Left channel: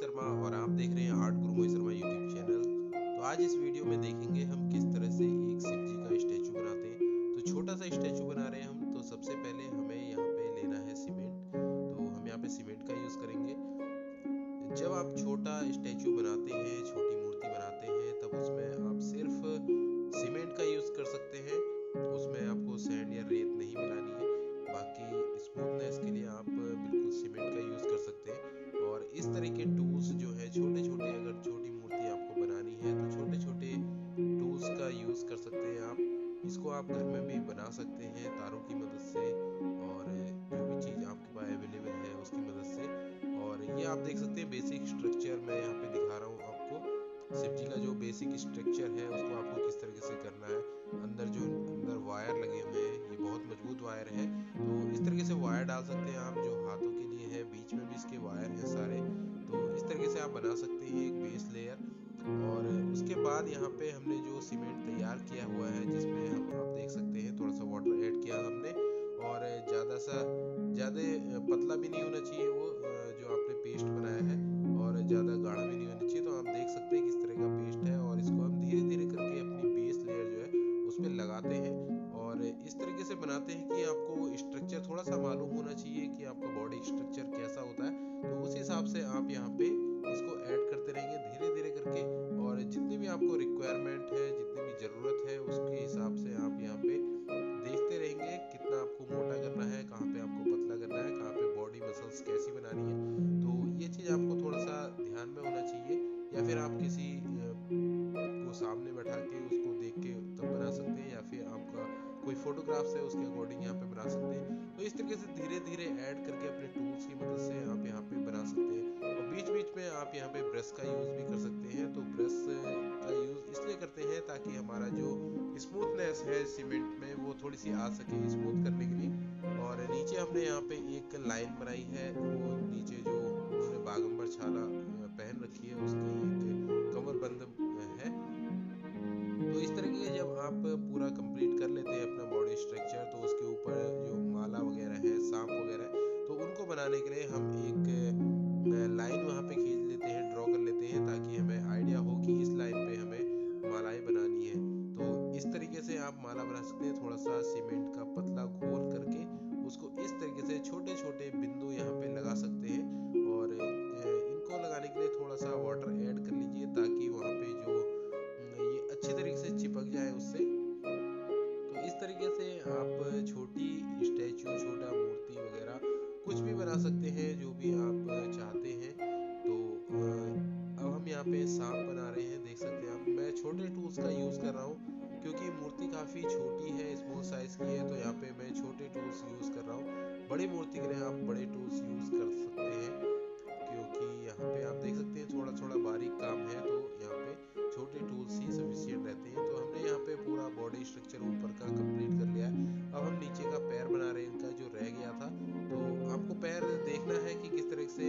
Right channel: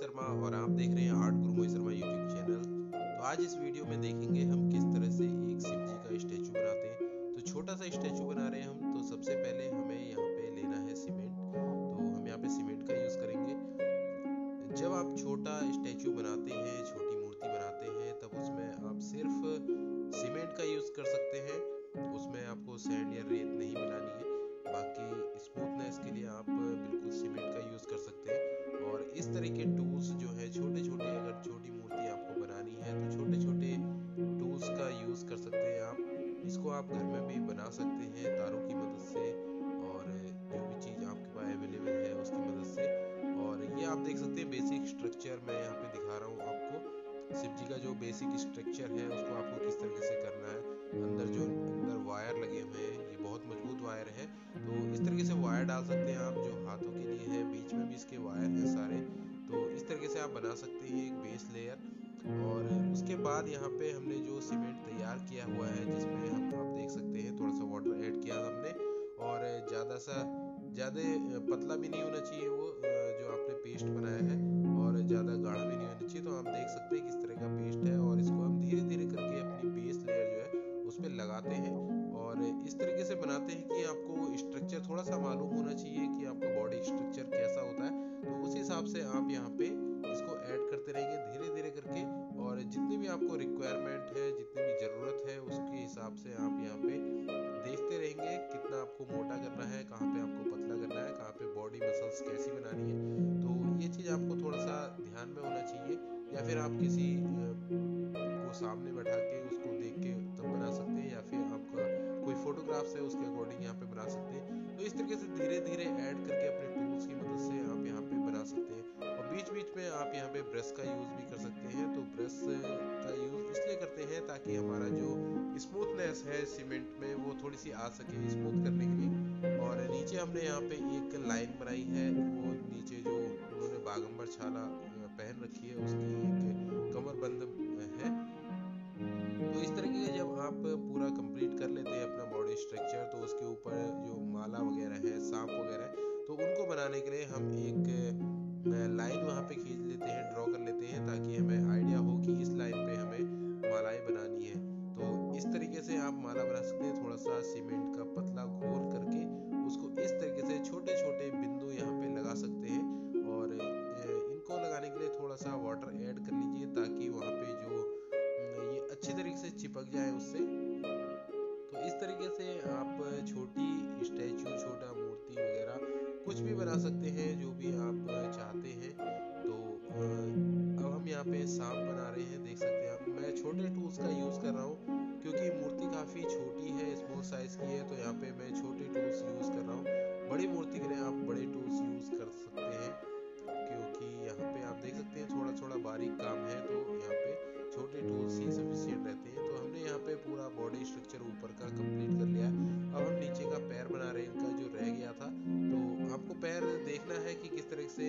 शर्मा और आप देख रहे हैं आर्ट गुरु मोहित शर्मा यूट्यूब चैनल। तो आज इस वीडियो में देखेंगे हम किस तरह से एक शिव जी का स्टैचू बनाते हैं। तो छोटा सा स्टैचू बना रहे हैं हम। तो सबसे पहले हमें यहाँ पे लेना है सीमेंट। तो हम यहाँ पे सीमेंट का यूज़ करेंगे। जब आप छोटा स्टैचू बनाते हैं, छोटी मूर्ति बनाते हैं, तब उसमें आप सिर्फ सीमेंट का यूज़ कर सकते हैं। उसमें आपको सैंड या रेत नहीं मिलानी है। बाकी स्मूथनेस के लिए आप बिल्कुल सीमेंट का यूज़ कर सकते हैं। और इस तरह के टूल्स जो है छोटे छोटे, अगर छोटी मूर्ति आपको बनानी है तो छोटे छोटे टूल्स का यूज़ कर सकते हैं आप। इसको आप घर में भी बना सकते हैं तारों की मदद से, और जो भी चीज़ आपके पास अवेलेबल है उसकी मदद से। और ये आप देख सकते हैं बेसिक स्ट्रक्चर मैं यहाँ पे दिखा रहा हूँ आपको। शिव जी का जो बेसिक स्ट्रक्चर है उसको आपको किस तरीके से करना है। अंदर वायर लगे हुए हैं, ये बहुत मजबूत वायर है। तो इस तरीके से वायर डाल सकते हैं आप, जो हाथों के लिए है। बीच में भी इसके वायर हैं सारे। तो इस तरीके से आप बना सकते हैं एक बेस लेयर। और उसके बाद यहाँ पे हमने जो सीमेंट तैयार किया हुआ है, जिसमें हम आप देख सकते हैं थोड़ा सा वाटर ऐड किया हमने। और ज़्यादा पतला भी नहीं होना चाहिए वो जो आपने पेस्ट बनाया है, और ज़्यादा गाढ़ा भी नहीं होना चाहिए। तो आप देख सकते हैं किस तरह का पेस्ट है। और इसको हम धीरे धीरे करके अपनी बेस लेयर जो है उस पर लगाते हैं। और इस तरीके से बनाते हैं कि आपको स्ट्रक्चर थोड़ा सा मालूम होना चाहिए कि आपका बॉडी स्ट्रक्चर कैसा होता है। तो उस हिसाब से आप यहाँ पे इसको ऐड करते रहेंगे धीरे धीरे करके। और जितनी भी आपको रिक्वायरमेंट है, जितनी भी ज़रूरत है, उसके हिसाब से आप यहाँ पे देखते रहेंगे कितना आपको मोटा करना है, कहाँ पे आपको पतला करना है, कहाँ पे बॉडी मसल्स कैसी बनानी है। तो ये चीज़ आपको थोड़ा सा ध्यान में होना चाहिए। या फिर आप किसी को सामने बैठा के उसको देख के तब बना सकते हैं, या फिर आपका कोई फोटोग्राफ्स है उसके अकॉर्डिंग यहाँ पे बना सकते हैं। तो इस तरीके से धीरे धीरे ऐड करके अपने टूल्स की मदद से आप यहाँ पे बना सकते हैं। और बीच बीच में आप यहाँ पे ब्रश का यूज़ भी कर सकते हैं। तो ब्रश का यूज़ इसलिए करते हैं ताकि हमारा जो स्मूथनेस है सीमेंट में वो थोड़ी सी आ सके स्मूथ करने के लिए। और नीचे हमने यहाँ पे एक लाइन बनाई है। वो नीचे जो उन्होंने बागंबर छाला पहन रखी है उसकी एक कमरबंद है। तो इस तरीके के जब आप पूरा कंप्लीट कर लेते हैं अपना बॉडी स्ट्रक्चर, तो उसके ऊपर जो माला वगैरह है, सांप वगैरह है, तो उनको बनाने के लिए हम एक लाइन वहाँ पे खींच लेते हैं, ड्रॉ कर लेते हैं, ताकि हमें आइडिया हो कि इस लाइन पे हमें मालाएं बनानी है। तो इस तरीके से आप माला बना सकते हैं। थोड़ा सा सीमेंट का पतला घोल करके उसको इस तरीके से छोटे छोटे बिंदु यहाँ पे लगा सकते हैं। और इनको लगाने के लिए थोड़ा सा वाटर ऐड कर लीजिए, ताकि वहाँ पे जो ये अच्छी तरीके से चिपक जाए उससे। तो इस तरीके से आप छोटी स्टैचू, छोटा मूर्ति वगैरह कुछ भी बना सकते हैं, जो भी आप चाहते हैं। तो अब हम यहाँ पे सांप बना रहे हैं, देख सकते हैं आप। मैं छोटे टूल्स का यूज़ कर रहा हूँ क्योंकि मूर्ति काफ़ी छोटी है, स्मॉल साइज़ की है। तो यहाँ पे मैं छोटे टूल्स यूज़ कर रहा हूँ। बड़ी मूर्ति के लिए आप बड़े टूल्स यूज़ कर सकते हैं, क्योंकि यहाँ पे आप देख सकते हैं थोड़ा थोड़ा बारीक काम है। तो यहाँ पे छोटे टूल्स ही सफिशिएंट रहते हैं। तो हमने यहाँ पे पूरा बॉडी स्ट्रक्चर ऊपर का कंप्लीट कर लिया है। अब हम नीचे का पैर बना रहे हैं, इनका जो रह गया था। तो आपको पैर देखना है कि किस तरह से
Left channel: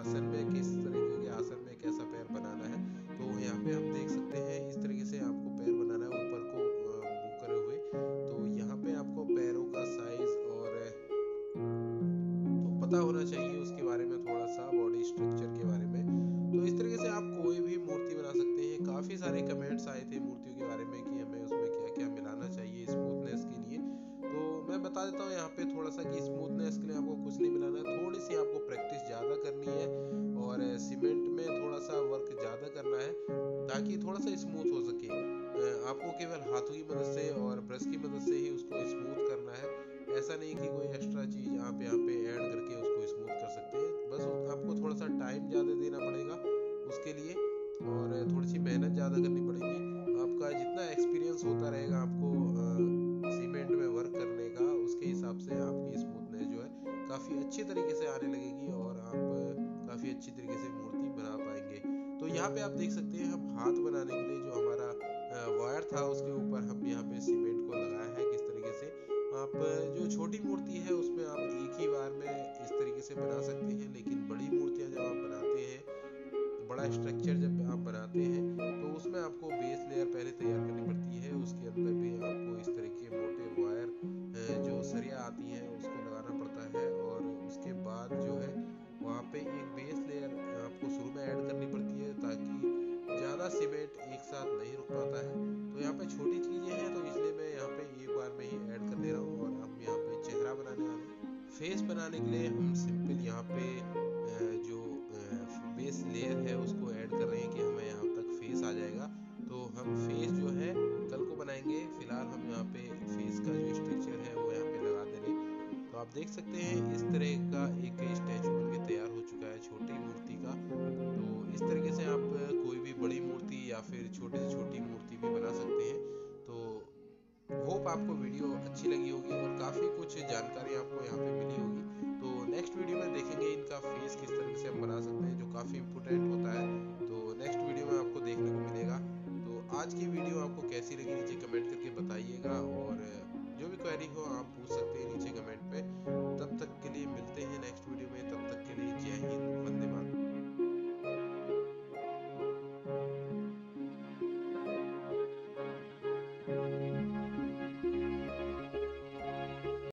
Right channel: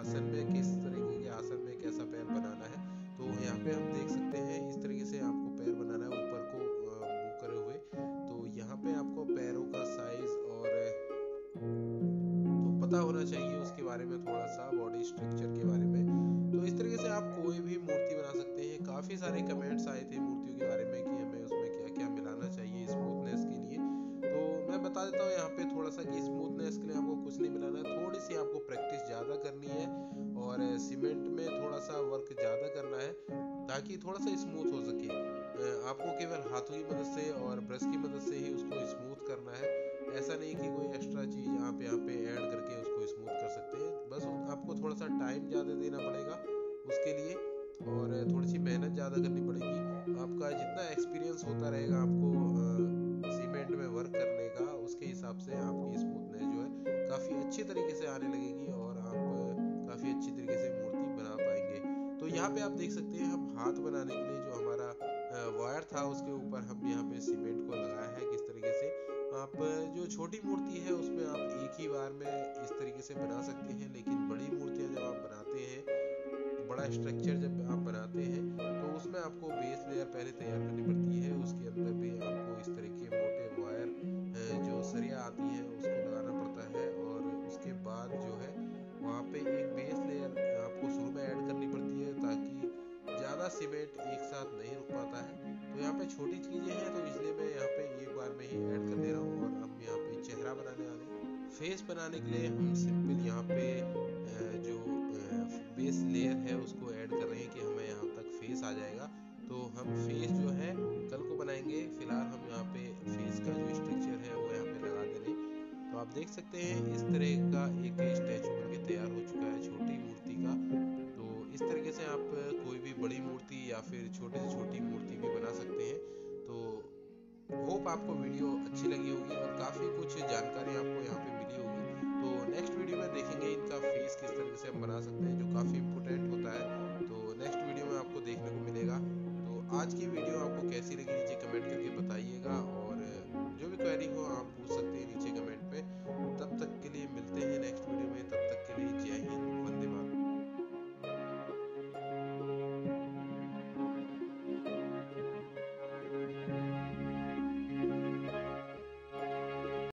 आसन में, किस तरीके के आसन में कैसा पैर बनाना है। तो यहाँ पे हम देख सकते हैं इस तरीके से आपको पैर बनाना है, ऊपर को मुंह करे हुए। तो यहाँ पे आपको पैरों का साइज और तो पता होना चाहिए उसके बारे में, थोड़ा सा बॉडी स्ट्रक्चर के बारे में। तो इस तरीके से आप कोई भी मूर्ति बना सकते हैं। काफ़ी सारे कमेंट्स आए थे मूर्तियों के बारे में कि हमें उसमें क्या क्या मिलाना चाहिए स्मूथनेस के लिए। तो मैं बता देता हूँ यहाँ पे थोड़ा सा कि स्मूथनेस के लिए आपको कुछ नहीं मिलाना है। थोड़ी सी आपको प्रैक्टिस ज़्यादा करनी है, और सीमेंट में थोड़ा सा वर्क ज़्यादा करना है, ताकि थोड़ा सा स्मूथ हो सके। आपको केवल हाथों की मदद से और ब्रश की मदद से ही उसको स्मूथ करना है। ऐसा नहीं कि कोई एक्स्ट्रा चीज़ आप यहाँ पे ऐड करके उसको स्मूथ कर सकते हैं। बस आपको थोड़ा सा टाइम ज़्यादा देना पड़ेगा उसके लिए, और थोड़ी सी मेहनत ज़्यादा करनी पड़ेगी। आपका जितना एक्सपीरियंस होता रहेगा आपको सीमेंट में वर्क करने का, उसके हिसाब से आपकी स्मूथनेस जो है काफ़ी अच्छी तरीके से आने लगेगी, और आप काफ़ी अच्छी तरीके से मूर्ति बना पाएंगे। तो यहाँ पे आप देख सकते हैं हम हाथ बनाने के लिए जो हमारा वायर था उसके ऊपर हम यहाँ पे सीमेंट को लगाया है। किस तरीके से आप जो छोटी मूर्ति है उसमें आप एक ही बार में इस तरीके से बना सकते हैं, लेकिन बड़ी मूर्तियाँ जब आप बनाते हैं, बड़ा स्ट्रक्चर जब आप बनाते हैं, तो उसमें आपको बेस लेयर पहले तैयार करनी पड़ती है। उसके अंदर भी आपको इस तरह के मोटे वायर जो सरिया आती हैं उसको लगाना पड़ता है। और उसके बाद जो है वहाँ पे एक बेस लेयर सीमेंट एक साथ नहीं रुक पाता है। तो यहाँ पे छोटी चीज़ें हैं तो इसलिए मैं यहाँ पे एक बार में ही ऐड कर दे रहा हूँ। और हम यहाँ पे चेहरा बनाने वाले हैं। फेस बनाने के लिए हम सिंपल यहाँ पे जो बेस लेयर है उसको ऐड कर रहे हैं कि हमें यहाँ तक फेस आ जाएगा। तो हम फेस जो है कल को बनाएंगे। फिलहाल हम यहाँ पे फेस का जो स्ट्रक्चर है वो यहाँ पे लगा दे रहे हैं। तो आप देख सकते हैं इस तरह का एक स्टैचू बन के तैयार हो चुका है छोटी मूर्ति का। तो इस तरीके से आप कोई भी बड़ी मूर्ति या फिर छोटी से छोटी मूर्ति भी बना सकते हैं। तो होप आपको वीडियो अच्छी लगी होगी और काफ़ी कुछ जानकारी आपको यहाँ पे मिली होगी। तो नेक्स्ट वीडियो में देखेंगे इनका फेस किस तरीके से हम बना सकते हैं, जो काफ़ी इम्पोर्टेंट होता है। तो नेक्स्ट वीडियो में आपको देखने को मिलेगा। तो आज की वीडियो आपको कैसी लगी नीचे कमेंट करके बताइएगा। और जो भी क्वेरी हो आप पूछ सकते हैं नीचे